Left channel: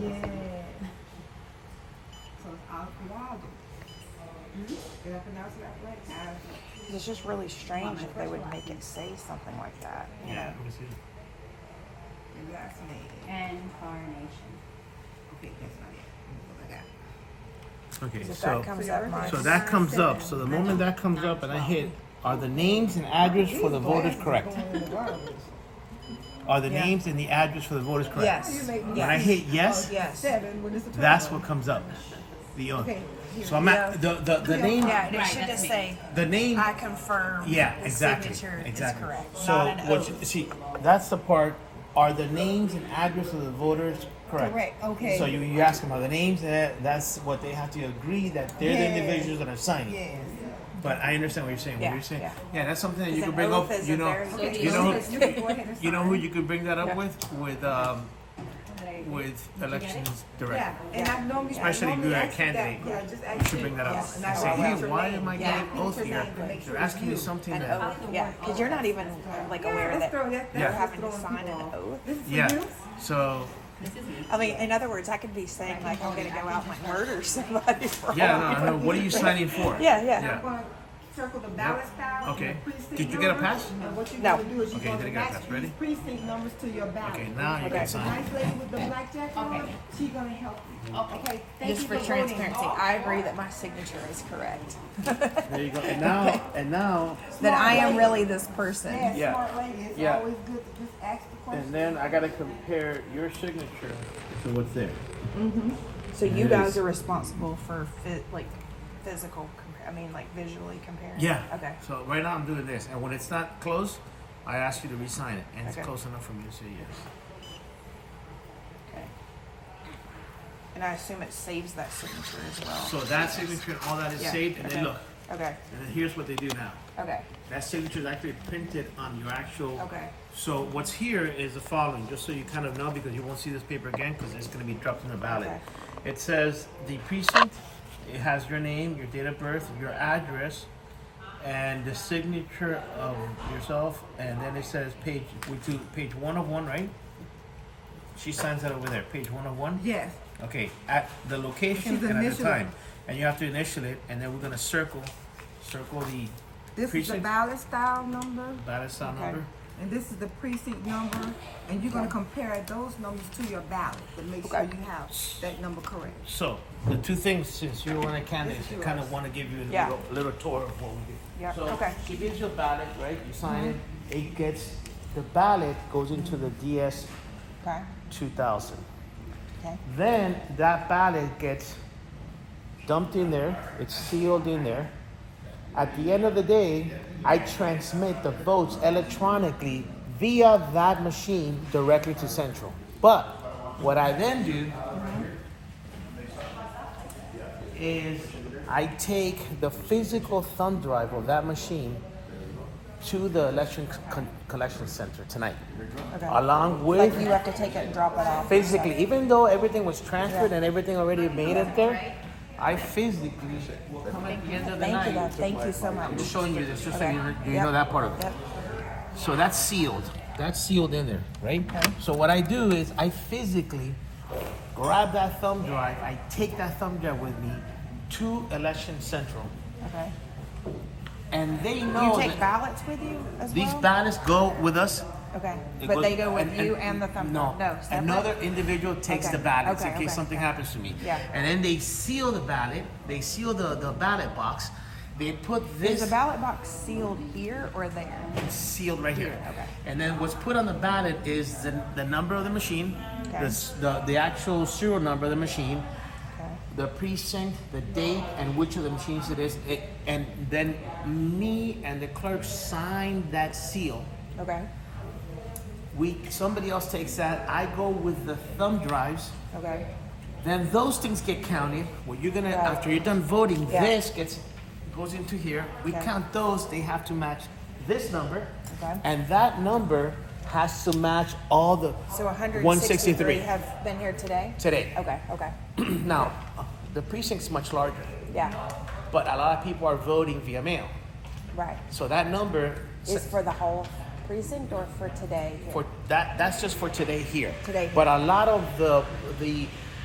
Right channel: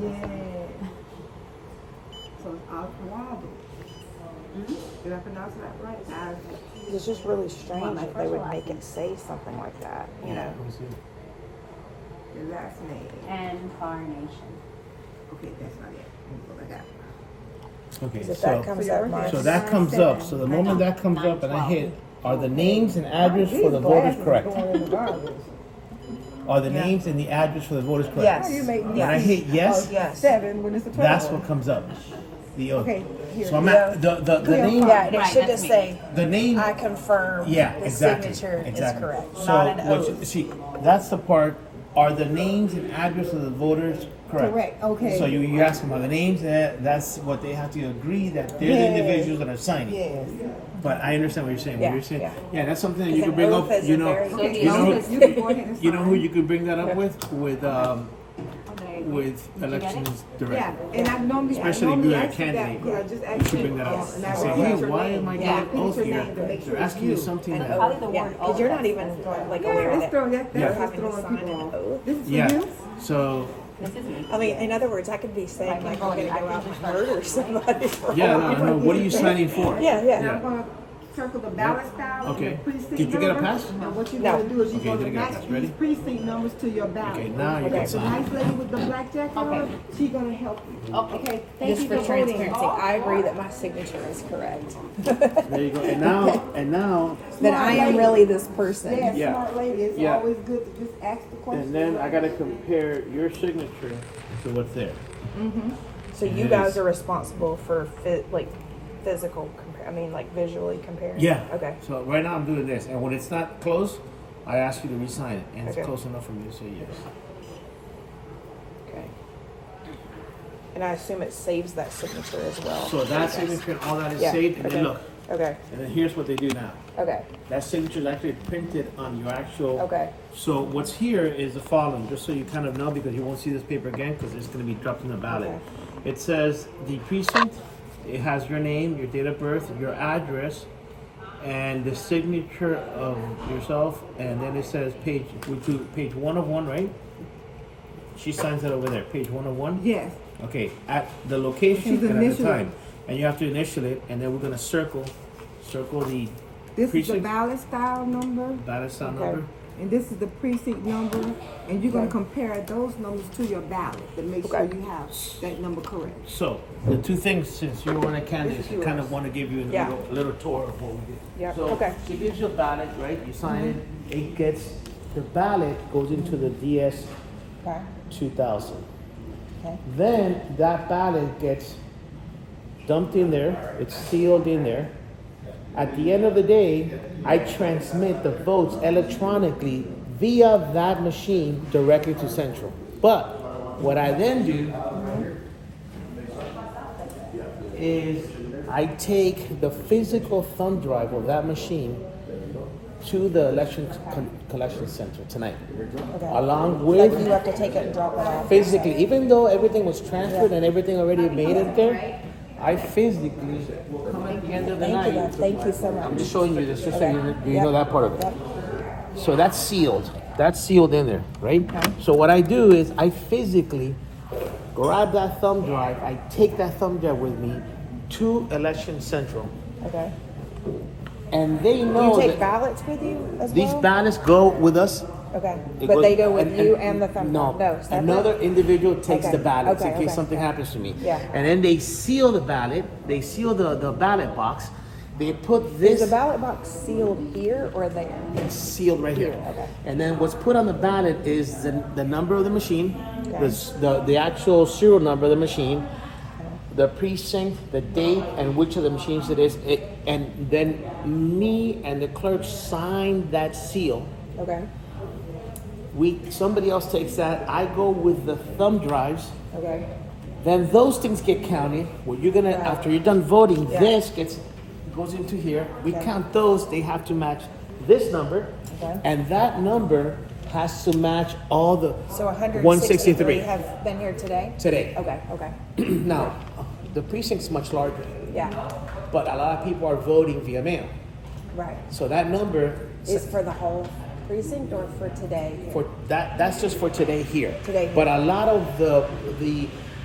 Yeah. So it's Oswaldo. Did I pronounce that right? It's just really strange that they would make it say something like that. You know? Let me see. The last name. And coronation. Okay, that's not it. Let me go back. Okay, If that comes up, mine. so that comes up. So the moment that comes up and I hit, are the names and address for the voters correct? Are the names and the address for the voters correct? Yes. When I hit yes, Yes. 7 when it's a that's what comes up. The oath. Okay, here. So I'm at the name. Yeah, and it Right, should that's just me. say, The name. I confirm Yeah, the exactly. signature Exactly. is correct. So Not an what oath. you, see, that's the part. Are the names and address of the voters correct? Correct, okay. So you ask them, are the names? That's what they have to agree that they're the individuals that are signing. Yes. But I understand what you're saying. Yeah, What you're saying, yeah. yeah, that's something that Because you can an bring oath up. is You a know, very good you know, use. you know who you can bring that up with elections director. Yeah, and I normally Especially if you're a candidate, Yeah, just you should bring that up Yes. and say, hey, why am I getting oath here? They're asking you something An that. oath, yeah, because you're not even like aware that Yeah. you're having to sign an oath. Yeah. So I mean, in other words, I could be saying like I'm going to go out and murder somebody. For yeah, no. What are you signing for? Yeah, yeah. I'm gonna circle the ballot style. Okay. and the precinct Did you get a number. pass? And what you're No. gonna do is Okay, you're didn't get a gonna pass. match Ready? these precinct numbers to your ballot. Okay, now you Okay. can The sign. nice lady with the black jacket on, she's gonna help you. Okay. Thank Just you for voting. transparency, I agree that my signature is correct. There you go. And now, That I am really this person. Yeah, Yeah. smart lady. It's Yeah. always good to just ask the question. and then I gotta compare your signature to what's there. So you It guys is. are responsible for physical, like visually comparing. Yeah. Okay. So right now I'm doing this, and when it's not close, I ask you to re-sign it, and Okay. it's close enough for me to say yes. Okay. And I assume it saves that signature as well. So that signature and all that is Yeah, saved, and okay. then look, Okay. and then here's what they do now. Okay. That signature is actually printed on your actual. Okay. So what's here is the following, just so you kind of know, because you won't see this paper again, because it's going to be dropped in the ballot. Okay. It says the precinct. It has your name, your date of birth, your address, and the signature of yourself. And then it says page 1 of 1, right? She signs it over there. Page 1 of 1. Yes. Okay, at the location She's and at the initialing. time, and you have to initial it, and then we're gonna circle the This is the precinct, ballot style number, ballot style Okay. number. and this is the precinct number, and you're gonna compare those numbers to your ballot to make sure Okay. you have that number correct. So the two things, since you're one of the candidates, I kind of want to give you Yeah. a little tour of what we do. Yeah, So okay. she gives you a ballot, right? You sign it. It gets the ballot goes into the DS Okay. 2000. Okay. Then that ballot gets dumped in there. It's sealed in there. At the end of the day, I transmit the votes electronically via that machine directly to Central. But what I then do is I take the physical thumb drive of that machine to the election collection center tonight, Okay. along Like with you have to take it and drop it off. physically, even though everything was transferred and everything already made it there, I physically will come at the end of the Thank you, night. guys. Thank you so much. I'm just showing you this, just Okay. so you Yep. know that part of it. Yep. So that's sealed. That's sealed in there, right? Okay. So what I do is I physically grab that thumb drive. I take that thumb drive with me to Election Central, Okay. and they know You take that ballots with you as these well? ballots go with us. Okay. It But goes- they go with you and the thumb No, drive? No, separate? another individual takes Okay, the ballots okay, in case okay, something okay. happens to me. Yeah. And then they seal the ballot. They seal the ballot box. They put this Is the ballot box sealed here or there? it's sealed right here. Here, okay. And then what's put on the ballot is the number of the machine, Okay. the actual serial number of the machine, Okay. the precinct, the date, and which of the machines it is. And then me and the clerk sign that seal. Okay. Somebody else takes that. I go with the thumb drives. Okay. Then those things get counted. Well, you're gonna Right. after you're done voting, Yeah. this goes into here. We Okay. count those. They have to match this number, Okay. and that number has to match all the So 163 163 have been here today? today. Okay, okay. Now, the precinct's much larger, Yeah, but a lot of people are voting via mail. right. So that number Is for the whole precinct or for today? for that's just for today here. Today here. But a lot of the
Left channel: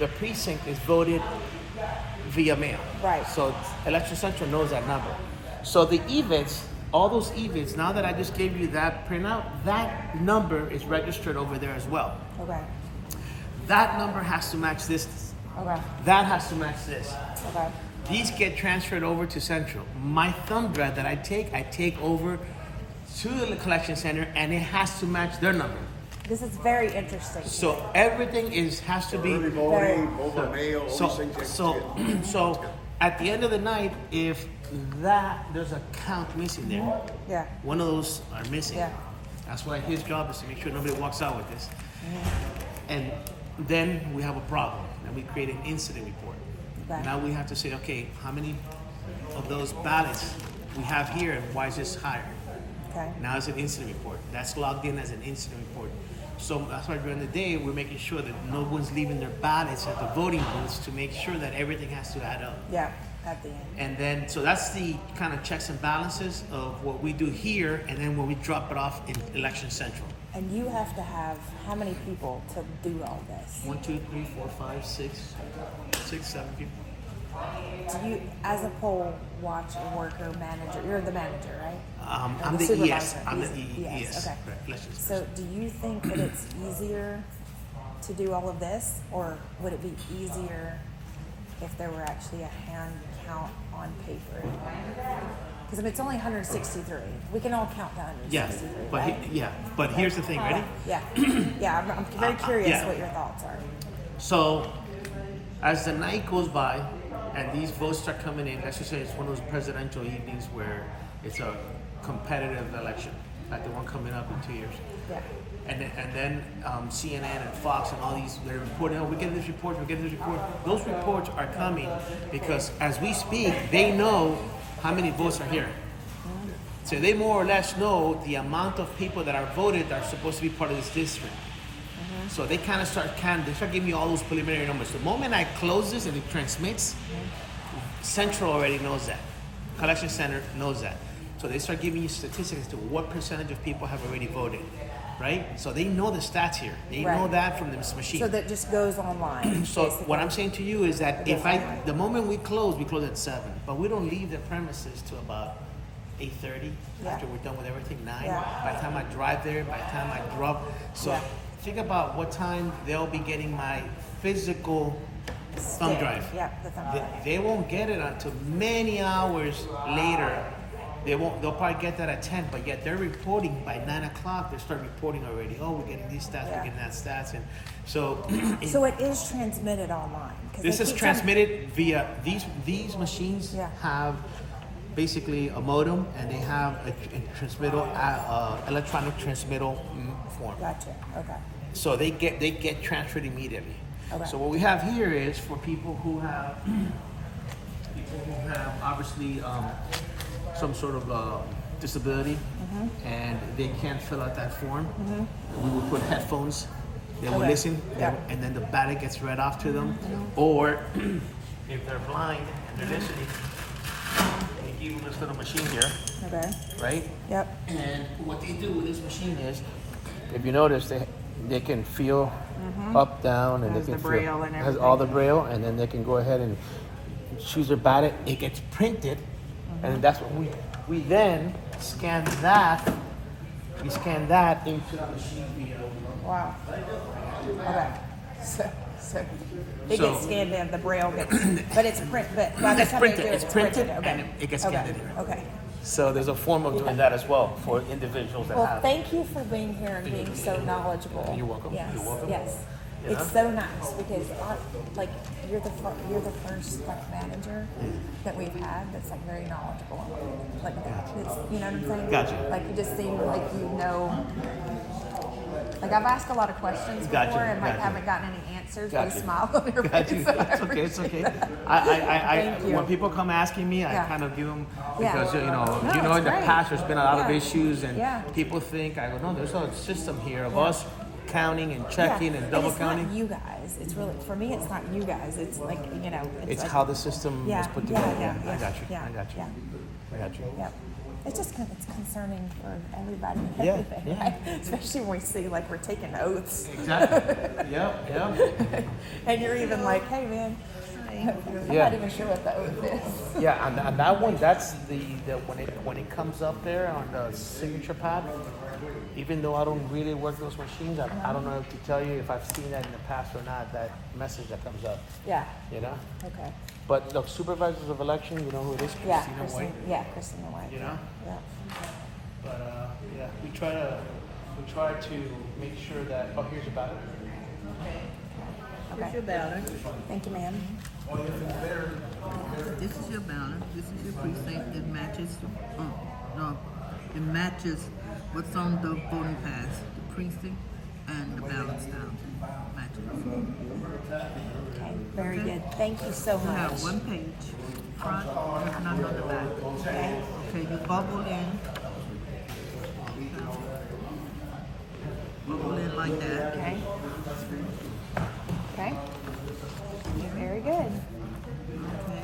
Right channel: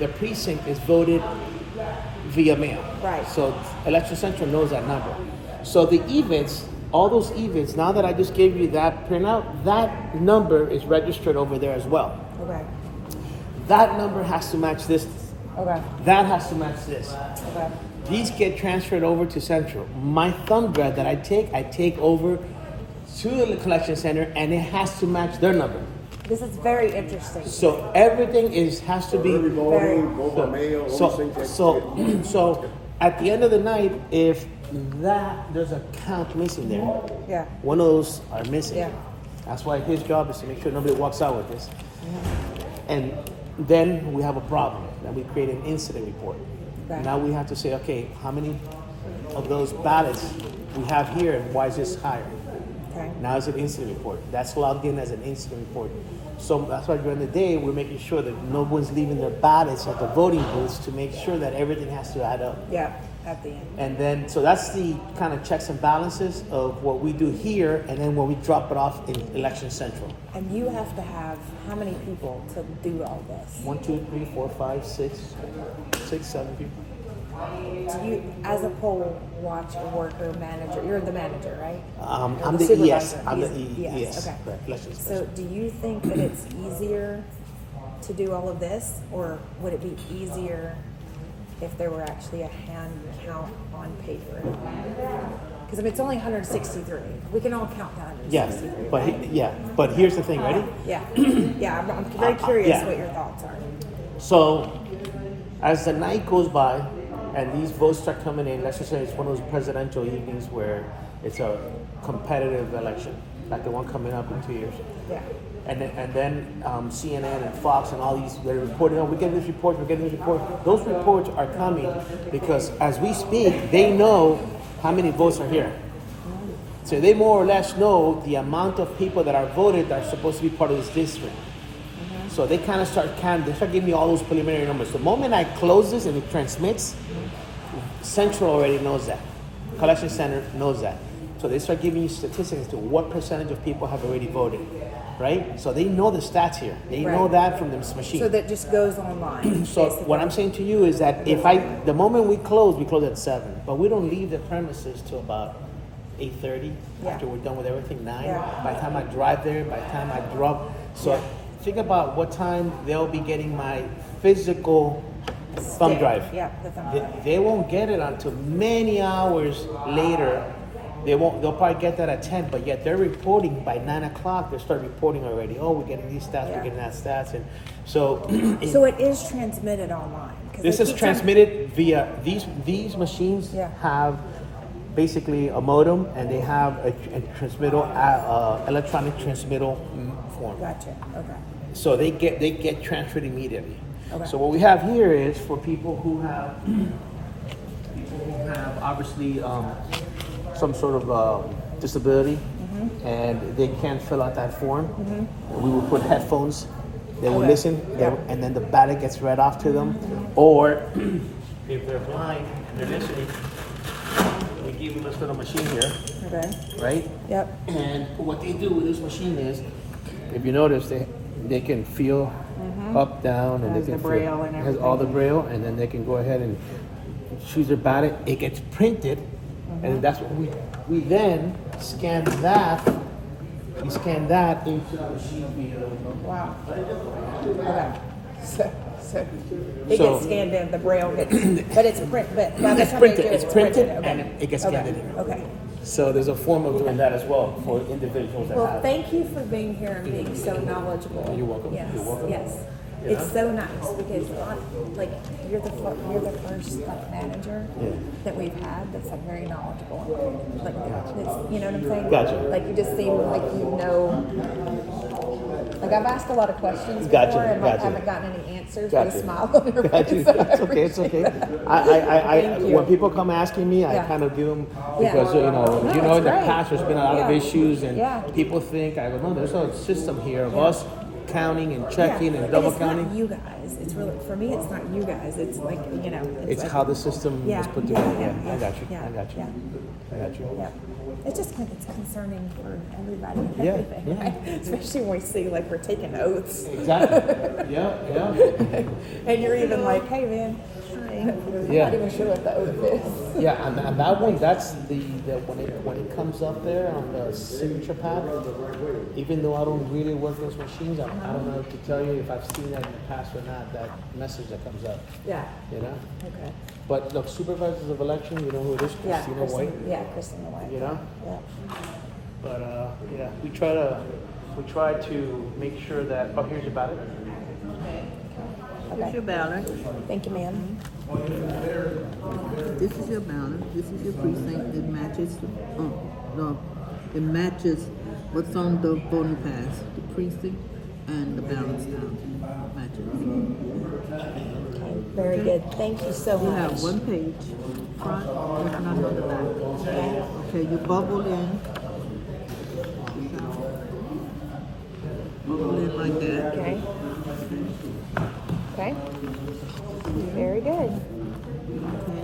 the precinct is voted via mail. Right. So Election Central knows that number. So the EVITs, all those EVITs, now that I just gave you that printout, that number is registered over there as well. Okay. That number has to match this. Okay. That has to match this. Okay. These get transferred over to Central. My thumb drive that I take over to the collection center, and it has to match their number. This is very interesting. So everything has to be. Early voting, vote by mail, all these things. So at the end of the night, if there's a count missing there, Yeah. one of those are missing. Yeah. That's why his job is to make sure nobody walks out with this. And then we have a problem. Then we create an incident report. Okay. Now we have to say, okay, how many of those ballots we have here, and why is this higher? Okay. Now it's an incident report. That's logged in as an incident report. So that's why during the day we're making sure that no one's leaving their ballots at the voting booths to make sure that everything has to add up. Yeah. At the end. And then, so that's the kind of checks and balances of what we do here, and then when we drop it off in Election Central. And you have to have how many people to do all this? 1, 2, 3, 4, 5, 6, 7 people. Do you, as a poll watcher, worker, manager, you're the manager, right? Or I'm the supervisor? I'm the Yes. Okay. right, election So specialist. do you think that it's easier to do all of this, or would it be easier if there were actually a hand count on paper? Because I mean, it's only 163. We can all count to 163. But right? but here's the thing. Ready? Yeah. Yeah. I'm very curious yeah. what your thoughts are. So, as the night goes by, and these votes start coming in, let's just say it's one of those presidential evenings where it's a competitive election, like the one coming up in 2 years. Yeah. And then CNN and Fox and all these, they're reporting, oh, we're getting this report, we're getting this report. Those reports are coming because as we speak, they know how many votes are here. So they more or less know the amount of people that are voted that are supposed to be part of this district. So they kind of start giving me all those preliminary numbers. The moment I close this and it transmits, Central already knows that. Collection Center knows that. So they start giving you statistics as to what percentage of people have already voted, right? So they know the stats here. They know Right. that from this machine. So that just goes online. So basically. what I'm saying to you is that the moment we close at 7, but we don't leave the premises till about 8:30 Yeah. after we're done with everything, 9. Yeah. By the time I drive there, by the time I drop, so Yeah. think about what time they'll be getting my physical thumb Stick. drive. Yeah, the thumb They, drive. they won't get it until many hours later. They'll probably get that at 10, but yet they're reporting by 9 o'clock. They start reporting already. Oh, we're getting these stats, Yeah. we're getting that stats, and so. So it is transmitted online. 'Cause This they is keep transmitted via these machines Yeah. have basically a modem, and they have a transmittal electronic transmittal form. Gotcha. Okay. So they get transferred immediately. Okay. So what we have here is for people who have obviously some sort of disability, Mm-hmm. and they can't fill out that form. We will put headphones. They will Okay. listen, Yeah. and then the ballot gets read off to them. Or if they're blind and they're listening, we give them this little machine here, Okay. right? Yep. And what they do with this machine is, if you notice, they can feel up, down, and Has they can the braille feel, and has all the braille, and then they can go ahead and choose their ballot. It gets printed, and that's what we then scan that. We scan that into the machine. Wow. Okay. So it So- gets scanned in. The braille gets, but it's print. But by the It's time printed. they do it, It's printed, Okay. and it gets scanned in Okay. here. Okay. So there's a form of doing that as well for individuals that Well, have. thank you for being here and being so knowledgeable. You're welcome. Yes. You're welcome. Yes. You It's so nice because like you're the first like manager that we've had that's like very knowledgeable. Like it's, you know what I'm saying? Gotcha. Like you just seem like you know. Like I've asked a lot of questions before Gotcha, and like gotcha. haven't gotten any answers. Gotcha. With a smile on your Got you. face. So I It's okay. It's okay. appreciate I Thank you. when people come asking me, I Yeah. kind of give them Yeah. because No, in it's the great. past there's been a lot of Yeah. issues, and Yeah. people think I go, no, there's a system here of us counting and checking and double it's counting. not you guys. It's really for me. It's not you guys. It's like It's like, how the system Yeah, was put yeah, together. yeah, I yeah, got you. yeah, I got you. yeah. I got you. Yeah. It's just it's concerning for everybody and Yeah, everything, yeah. right? Especially when we see like we're taking oaths. Exactly. Yeah. And you're even like, hey man, I'm Yeah. not even sure what the oath is. Yeah, and that one, that's the when it comes up there on the signature pad. Even though I don't really work those machines, I don't know to tell you if I've seen that in the past or not. That message that comes up, Yeah. you know. Okay. But look, supervisors of election, you know who it is, Yeah, Christina White. Christina White. You know? Yeah. But yeah, we try to make sure that. Oh, here's the ballot. This is your ballot. Thank you, ma'am. This is your ballot. This is your precinct. It matches. It matches what's on the voting pass. The precinct and the ballot style matches. Okay, very good. Thank you so You much. have one page front and none on the back. Okay. Okay, you bubble in. Bubble in like that. Okay. Okay. Very good. Okay.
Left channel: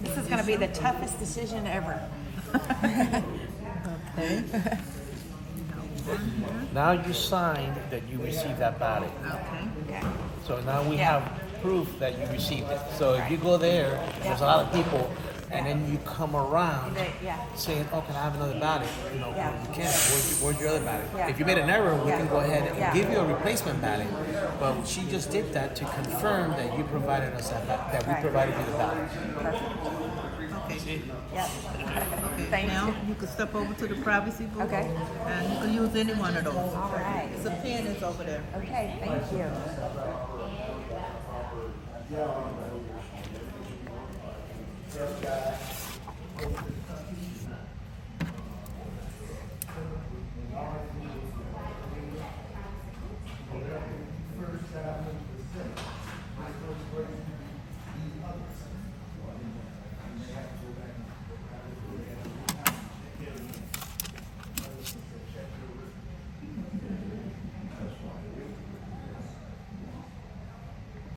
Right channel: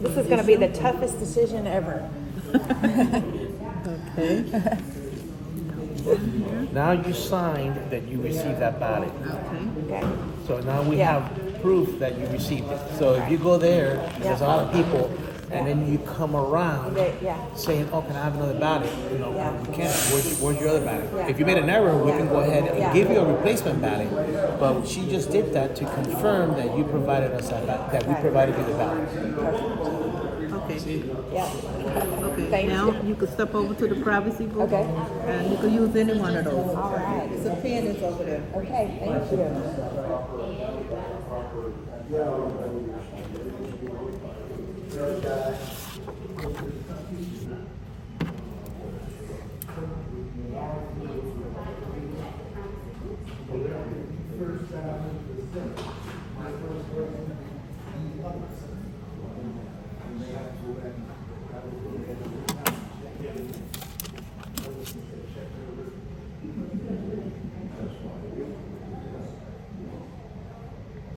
This is going to be the toughest decision ever. Okay. Now you signed that you received that ballot. Okay. Okay. So now we Yeah. have proof that you received it. So if you go there, there's a lot of people, and then you come around Yeah. saying, "Oh, can I have another ballot?" You know, Yeah. you can't. Where's your other ballot? Yeah. If you made an error, we Yeah. can go ahead and Yeah. give you a replacement ballot. But she just did that to confirm that you provided us that we Right. provided you the ballot. Perfect. Okay. Yeah. Okay. Thank Now you. you can step over to the privacy booth. Okay. And you can use any one of those. All right. It's a pen that's over there. Okay, thank you.